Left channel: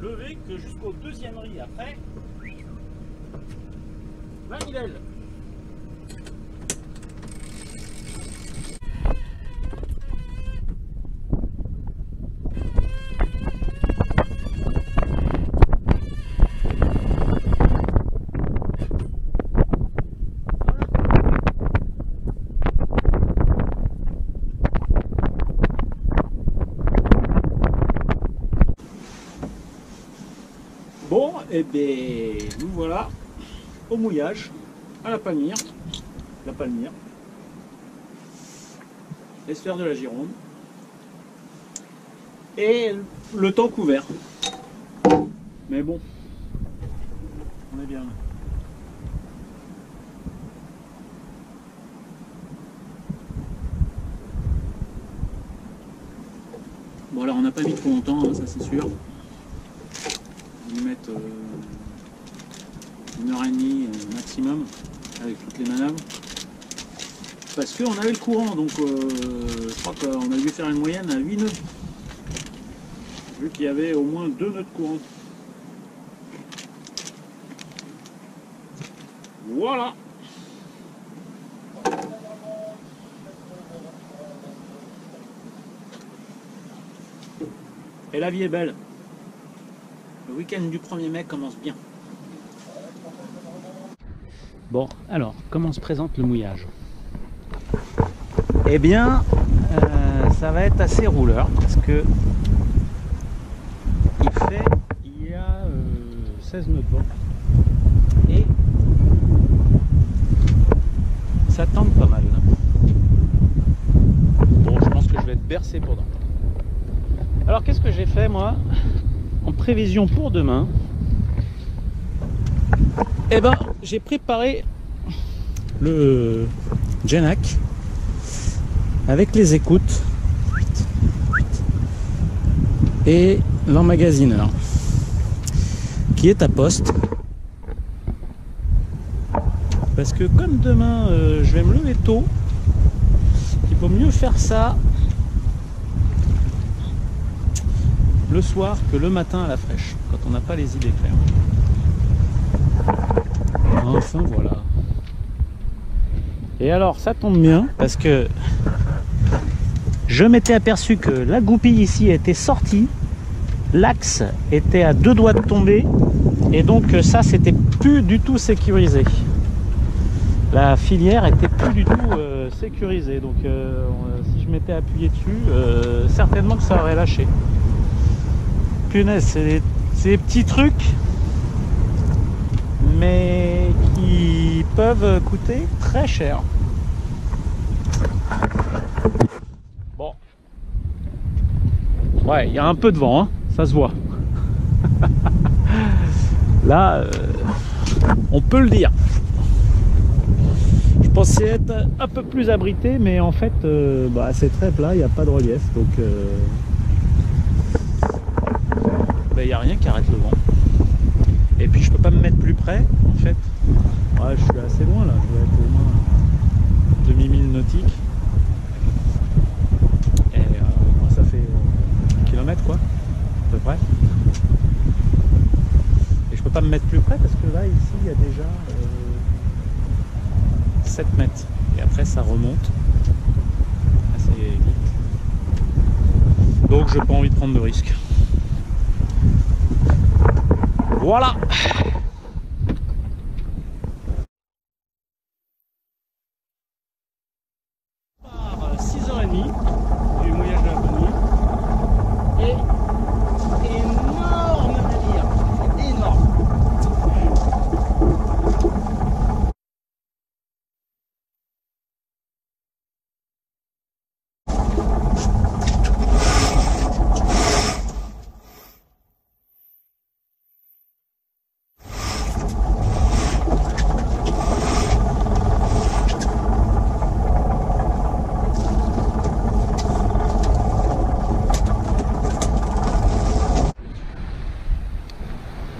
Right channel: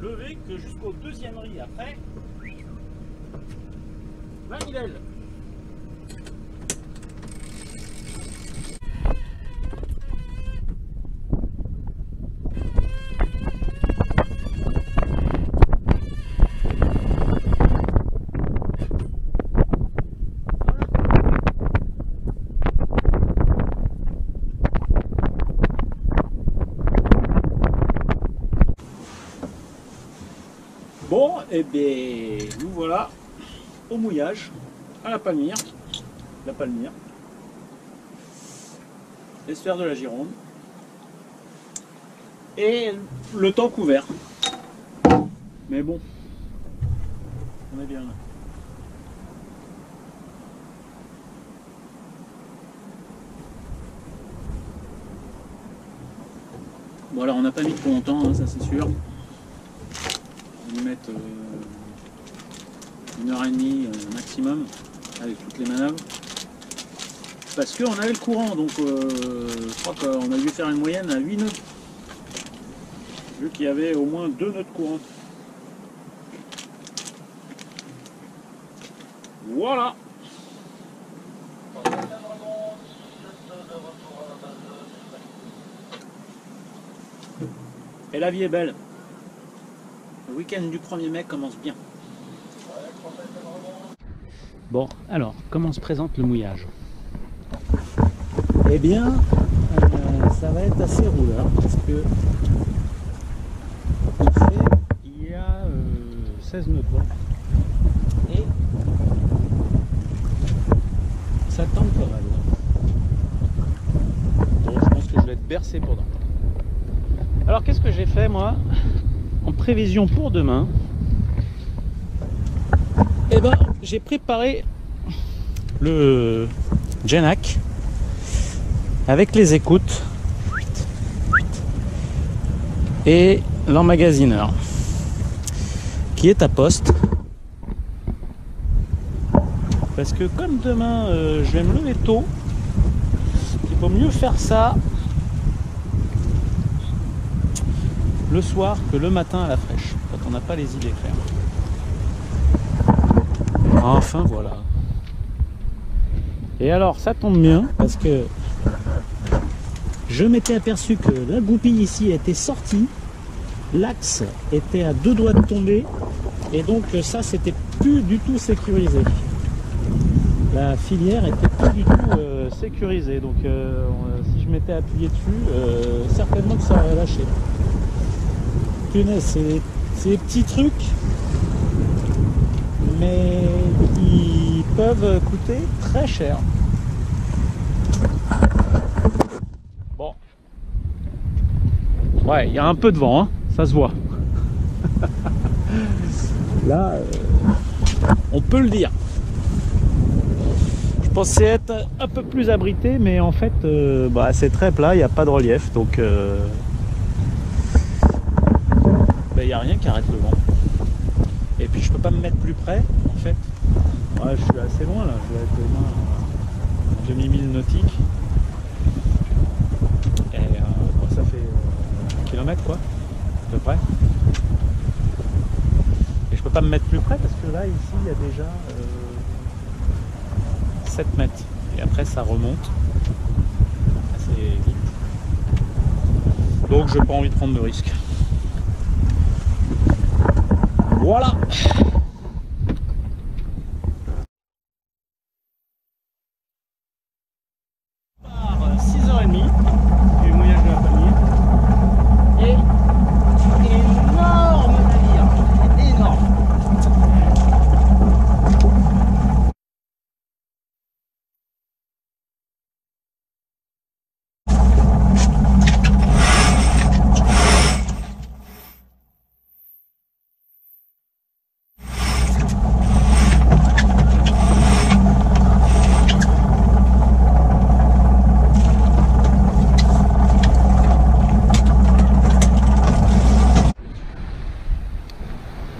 lever que jusqu'au deuxième riz. Après, manivelle. Bon, et bien nous voilà au mouillage, à la palmyre, l'estuaire de la Gironde, et le temps couvert. Mais bon, on est bien là. Bon alors on n'a pas mis trop longtemps, hein, ça c'est sûr. On va y mettre 1h30 maximum avec toutes les manœuvres. Parce qu'on avait le courant, donc je crois qu'on a dû faire une moyenne à 8 nœuds. Vu qu'il y avait au moins 2 nœuds de courant. Voilà. Et la vie est belle. Le week-end du 1er mai commence bien. Bon, alors, comment se présente le mouillage? Eh bien, ça va être assez rouleur parce que il y a 16 nœuds de vent et ça tente pas mal. Bon, je pense que je vais être bercé pour demain. Alors, qu'est-ce que j'ai fait moi en prévision pour demain? Eh ben, j'ai préparé le Genac avec les écoutes et l'emmagasineur qui est à poste parce que comme demain je vais me lever tôt, il vaut mieux faire ça le soir que le matin à la fraîche quand on n'a pas les idées claires. Enfin voilà. Et alors ça tombe bien parce que je m'étais aperçu que la goupille ici était sortie, l'axe était à 2 doigts de tomber et donc ça c'était plus du tout sécurisé. La filière était plus du tout sécurisée, donc si je m'étais appuyé dessus, certainement que ça aurait lâché. Punaise, c'est des petits trucs mais qui peuvent coûter très cher. Bon, ouais, il y a un peu de vent, hein, ça se voit. Là, on peut le dire. Je pensais être un peu plus abrité, mais en fait, c'est très plat, il n'y a pas de relief, donc il n'y a rien qui arrête le vent. Et puis je peux pas me mettre plus près en fait. Ouais, je suis assez loin là, je dois être au moins à un demi-mille nautique. Et ça fait 1 kilomètre quoi, à peu près. Et je peux pas me mettre plus près parce que là ici il y a déjà 7 mètres. Et après ça remonte assez vite. Donc j'ai pas envie de prendre de risques. Voilà. Par 6h30 du mouillage de la palmyre. Et énorme navire. Énorme.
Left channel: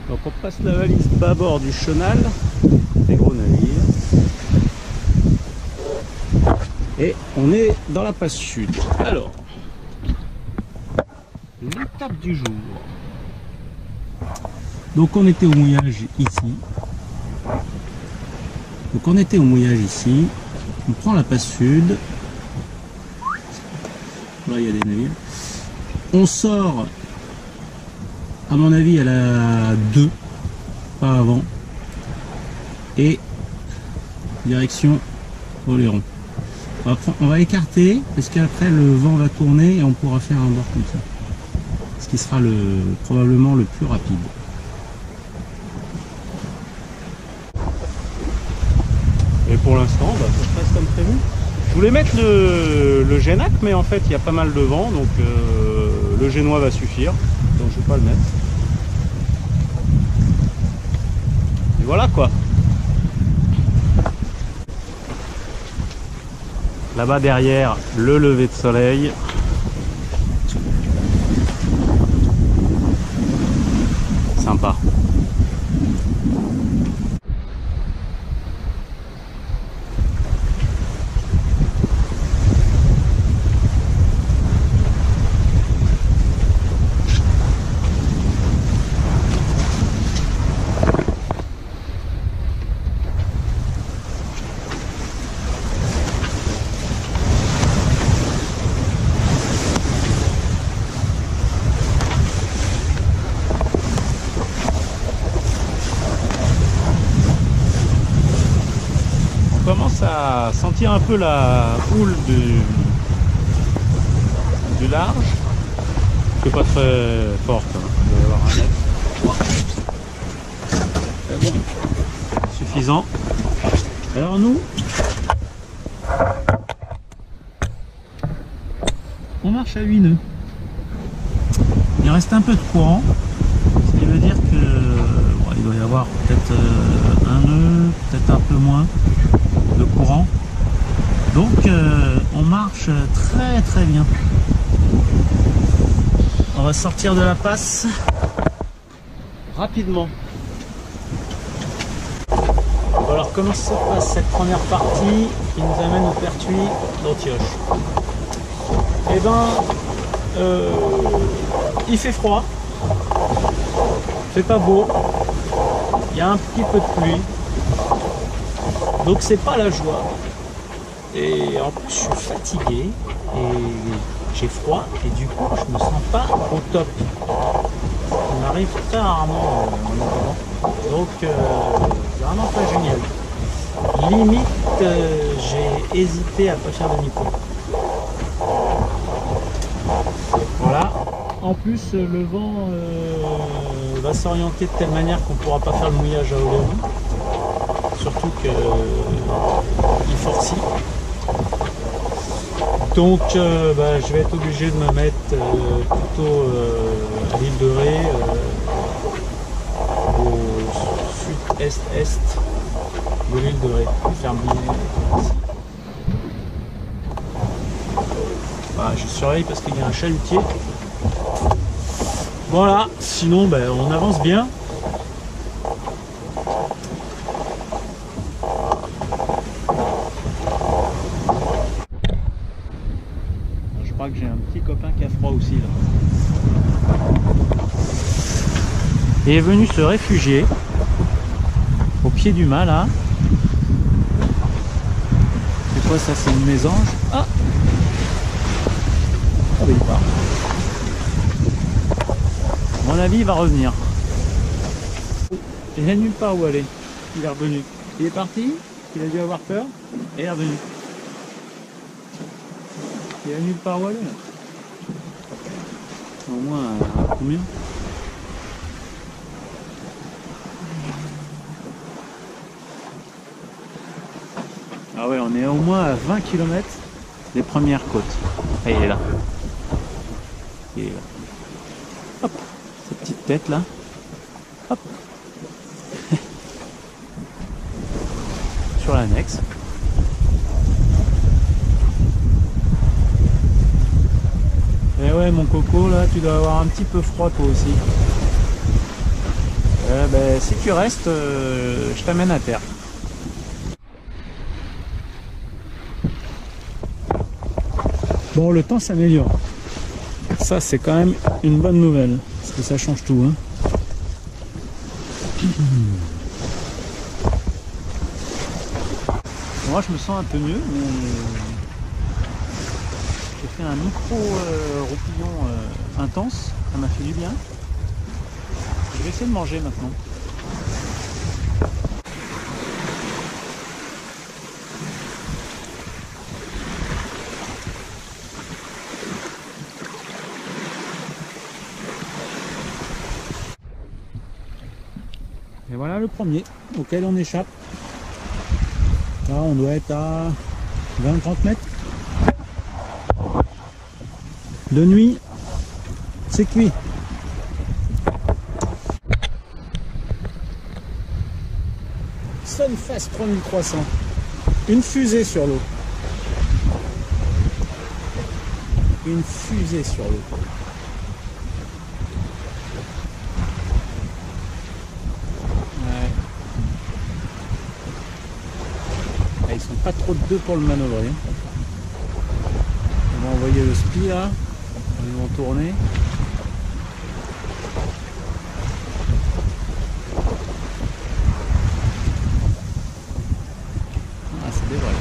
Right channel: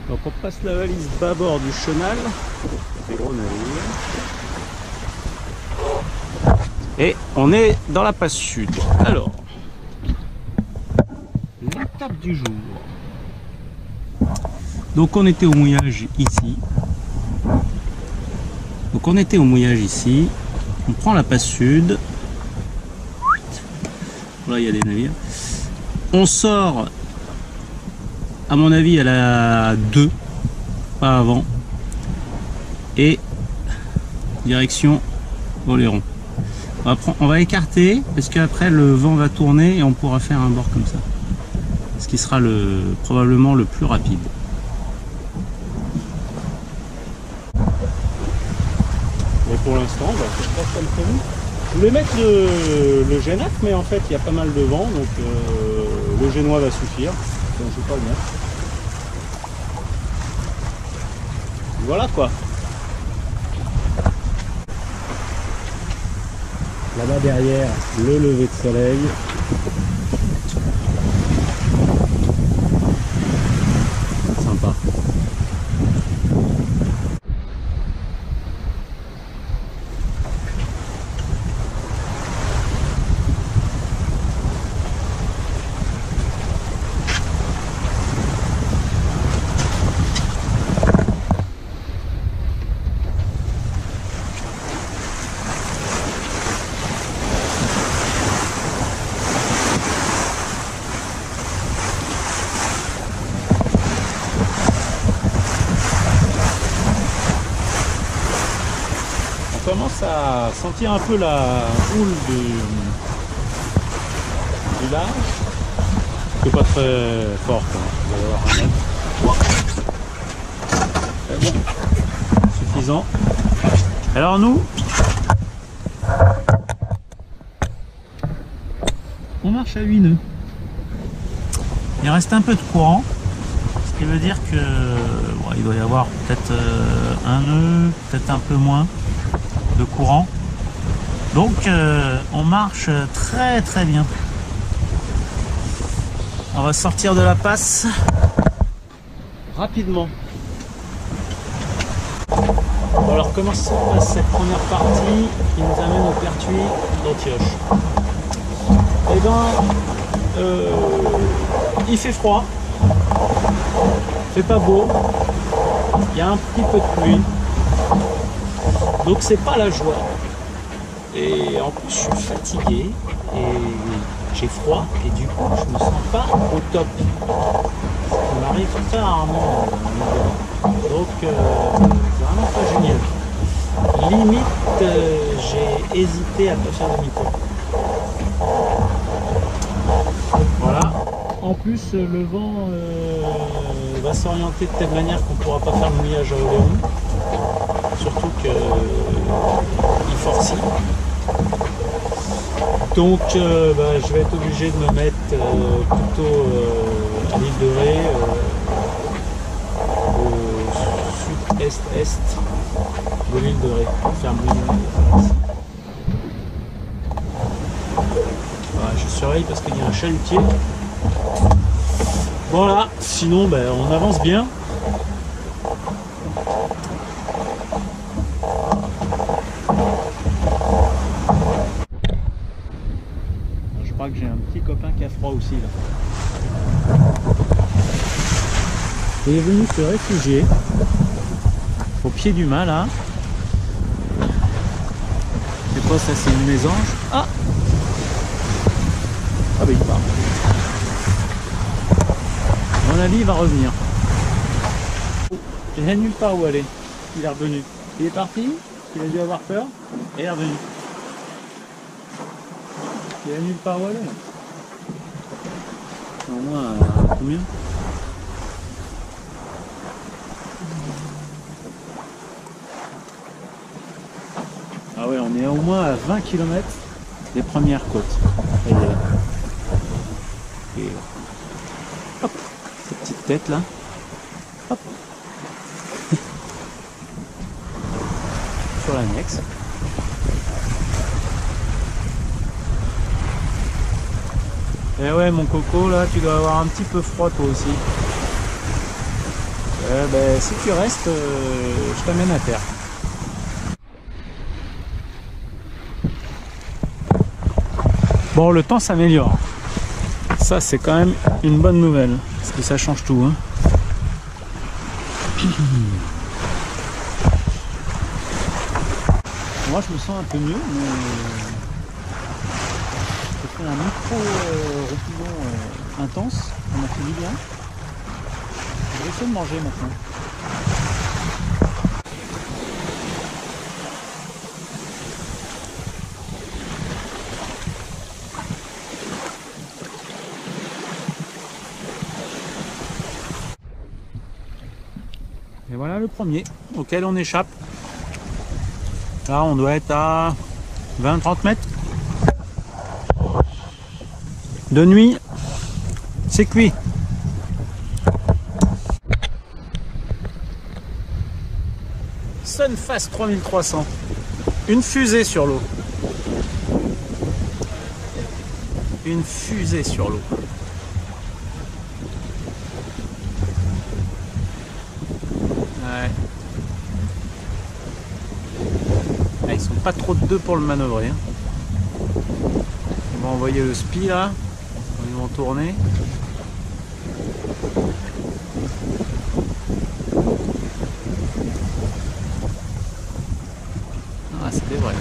Donc on passe la valise bâbord du Chenal, des gros navires, et on est dans la passe sud. Alors, l'étape du jour. Donc on était au mouillage ici. On prend la passe sud. Là il y a des navires. On sort, à mon avis, à la 2, pas avant. Et direction Oléron. On va écarter parce qu'après le vent va tourner et on pourra faire un bord comme ça. Ce qui sera probablement le plus rapide. Et pour l'instant, ça se passe comme prévu. Je voulais mettre le Génac, mais en fait il y a pas mal de vent, donc le Génois va suffire. Donc je ne vais pas le mettre. Et voilà quoi. Là-bas derrière, le lever de soleil. Sympa. On commence à sentir un peu la houle du large, que pas très forte, hein. Il va y avoir un mètre. Bon, suffisant. Alors nous, on marche à 8 nœuds. Il reste un peu de courant, ce qui veut dire que bon, il doit y avoir peut-être un nœud, peut-être un peu moins de courant. Donc on marche très très bien. On va sortir de la passe rapidement. Bon, alors comment se passe cette première partie qui nous amène au Pertuis d'Antioche? Eh ben il fait froid, il fait pas beau, il y a un petit peu de pluie. Donc c'est pas la joie. Et en plus je suis fatigué et j'ai froid et du coup je me sens pas au top. Ce qui m'arrive très rarement en naviguant. Donc c'est vraiment pas génial. Limite j'ai hésité à pas faire demi-tour. Voilà. En plus le vent va s'orienter de telle manière qu'on pourra pas faire le mouillage à Oléron. Surtout qu'il forcit. Donc je vais être obligé de me mettre plutôt à l'île de Ré, au sud-est-est de l'île de Ré, pour faire mouiller ici. Voilà, je surveille parce qu'il y a un chalutier. Voilà, sinon on avance bien. Je crois que j'ai un petit copain qui a froid aussi là. Il est venu se réfugier au pied du mât là. C'est quoi ça? C'est une mésange. Ah il part. À mon avis il va revenir. Il n'y a nulle part où aller. Il est revenu. Il est parti, il a dû avoir peur et il est revenu. Il n'y a nulle part où aller là. Au moins à combien? Ah ouais, on est au moins à 20 km des premières côtes. Et il est là. Il est là. Hop, cette petite tête là. Hop. Sur l'annexe. Eh ouais mon coco là, tu dois avoir un petit peu froid toi aussi. Si tu restes, je t'amène à terre. Bon, le temps s'améliore. Ça c'est quand même une bonne nouvelle, parce que ça change tout, hein. Moi je me sens un peu mieux, mais j'ai fait un micro roupillon intense, ça m'a fait du bien. Je vais essayer de manger maintenant. Et voilà le premier auquel on échappe. Là on doit être à 20-30 mètres. De nuit, c'est cuit. Sunfast 3300. Une fusée sur l'eau. Une fusée sur l'eau. Ouais. Ah, ils sont pas trop de deux pour le manœuvrer. Hein. On va envoyer le spi là. Ils vont tourner. Ah, c'est des vrais.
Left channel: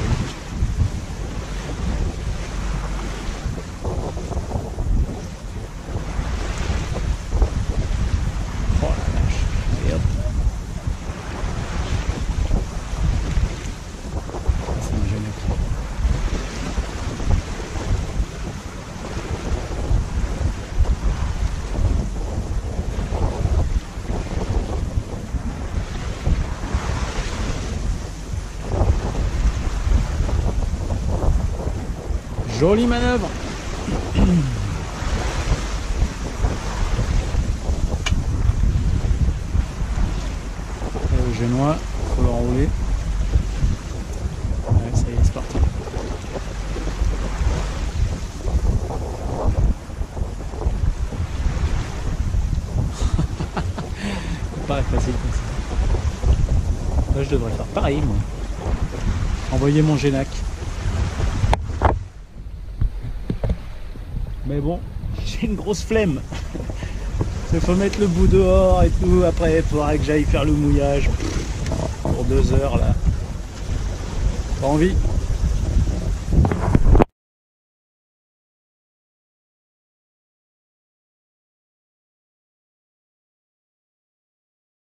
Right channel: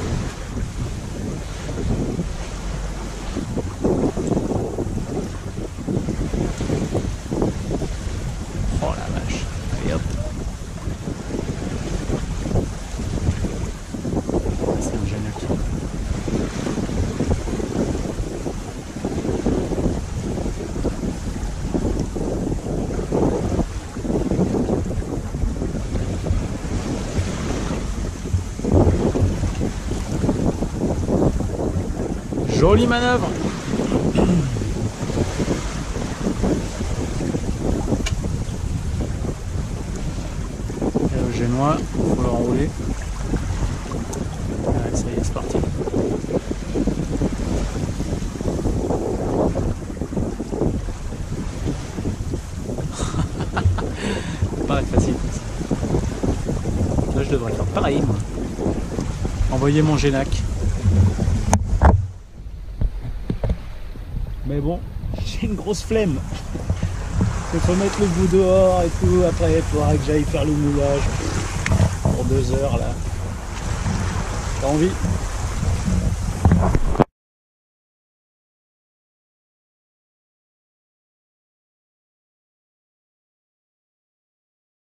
Oh la vache. Allez hop. C'est un génial. Jolie manœuvre. Et le génois, il faut le renrouler. Ouais, ça y est, c'est parti. Ça paraît facile comme ça. Là, je devrais faire pareil, moi. Envoyer mon génac. Mais bon, j'ai une grosse flemme. Il faut mettre le bout dehors et tout. Après, il faudra que j'aille faire le mouillage pour 2 heures là. Pas envie.